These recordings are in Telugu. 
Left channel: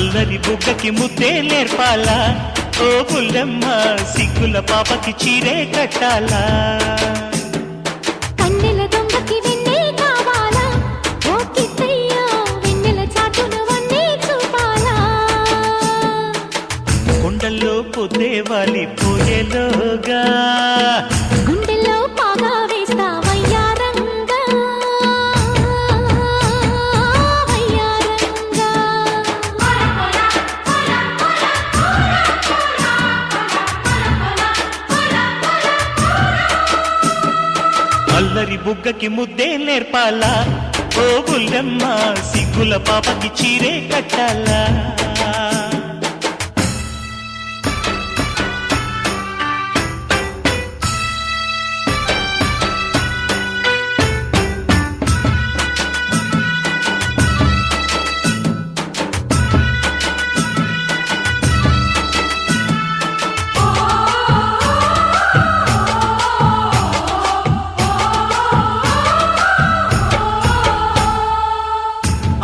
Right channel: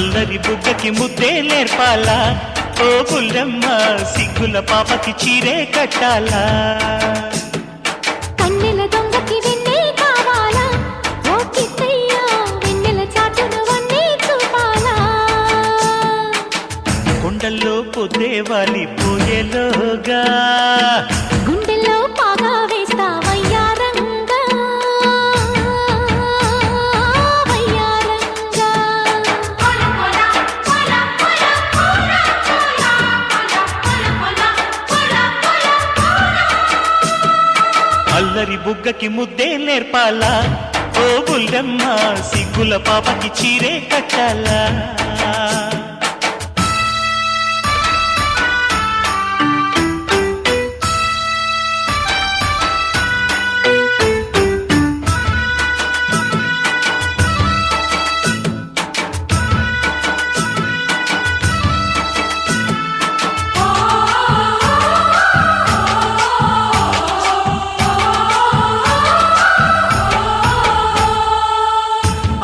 అల్లరి బుగ్గకి ముద్దే నేర్పాలా ఓ బుల్లెమ్మ సిగ్గుల పాపకి చీరే కట్టాలా కన్నెల దొంగకి వెన్నే కావాలా ఓ కిట్టయ్య వెన్నెల చాటును వన్నీ చూపాలా కొండల్లో పొద్దే వాలి పోయేలోగా గుండెల్లో పాగా వేస్తా వయ్యారంగా వయ్యారంగా అల్లరి బుగ్గకి ముద్దే నేర్పాలా ఓ బుల్లెమ్మ సిగ్గుల పాపకి చీరే కట్టాలా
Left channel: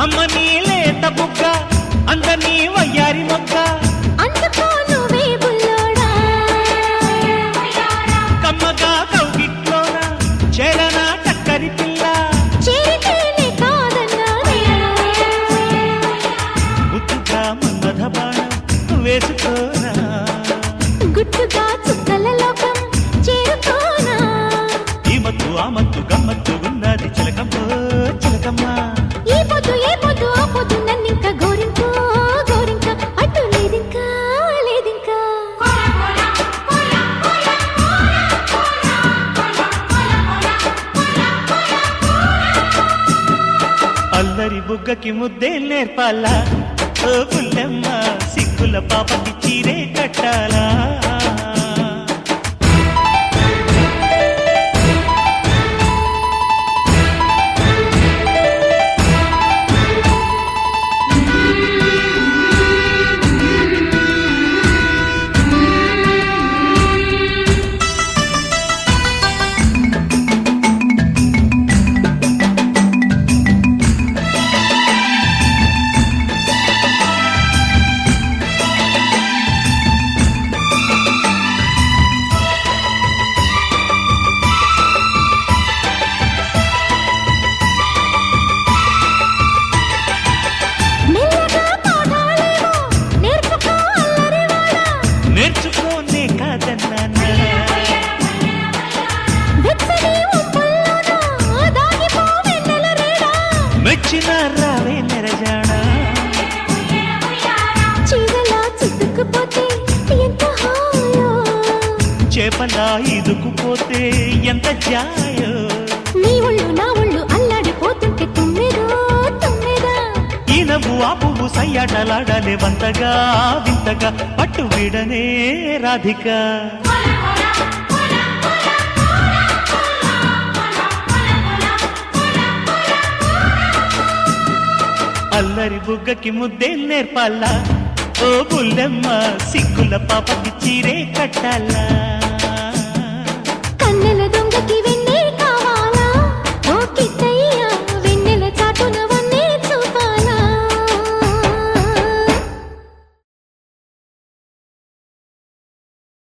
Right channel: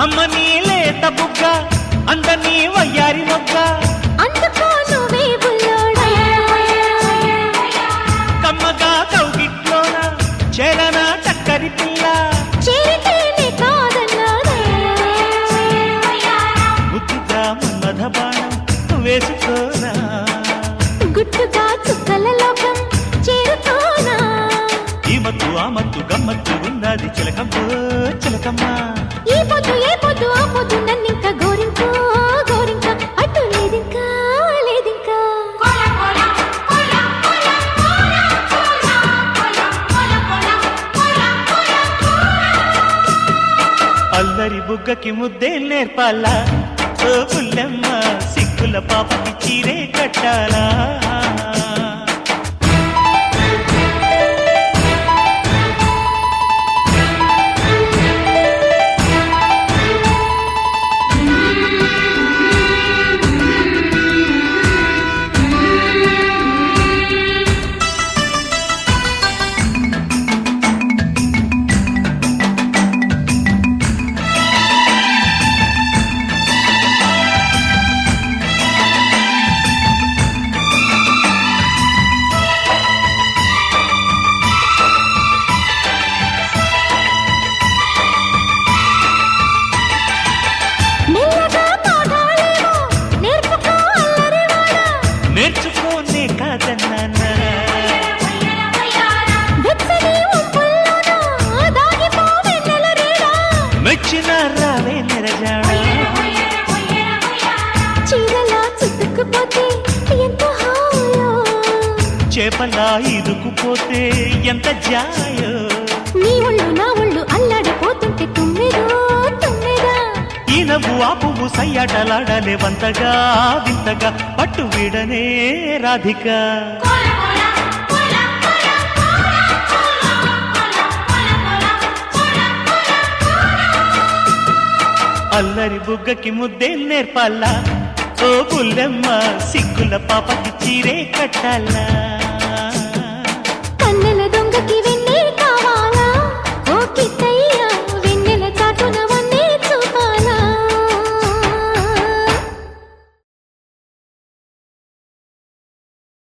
అమ్మని లేత బుగ్గ అందని వయ్యారి మొగ్గ అందుకో నువ్వే బుల్లోడా కమ్మగా కౌగిట్లోన చేరన చక్కరి పిల్ల చేరితేనే కాదన్నానే ముద్దుగా మన్మథ బాణం వేసుకోనా గుట్టుగా చుక్కల లోకం చేరుకోనా ఈ మత్తు ఆ మత్తు గమ్మత్తు ఉన్నది చిలకమ్మో చిలకమ్మ ఏ పొద్దు ఆ పొద్దు నన్నింక గోరింకో గోరింక అటు లేదింకా లేదింకా అల్లరి బుగ్గకి ముద్దే నేర్పాలా ఓ బుల్లెమ్మ సిగ్గుల పాపకి చీరే కట్టాలా మెల్లగా పాడాలేమో నేర్చుకో అల్లరివాడా నేర్చుకోనే కాదన్నానా వెచ్చని ఉప్పుల్లోనా దాగిపో వెన్నెల రేడా మెచ్చిన రావే మెరజానా చీరలా చిక్కుకుపోతే ఎంత హాయో చేపలా ఇరుకుపోతే ఎంత జాయో నీ ఒళ్ళు నా ఒళ్ళు అల్లాడిపోతుంటే తుమ్మిదో తుమ్మిదా ఈ నవ్వు ఆ పువ్వు సయ్యాటలాడాలే వంతగా వింతగా పట్టు వీడనే రాధిక అల్లరి బుగ్గకి ముద్దే నేర్పాలా ఓ బుల్లెమ్మ సిగ్గుల పాపకి చీరే కట్టాలా కన్నెల దొంగకి వెన్నే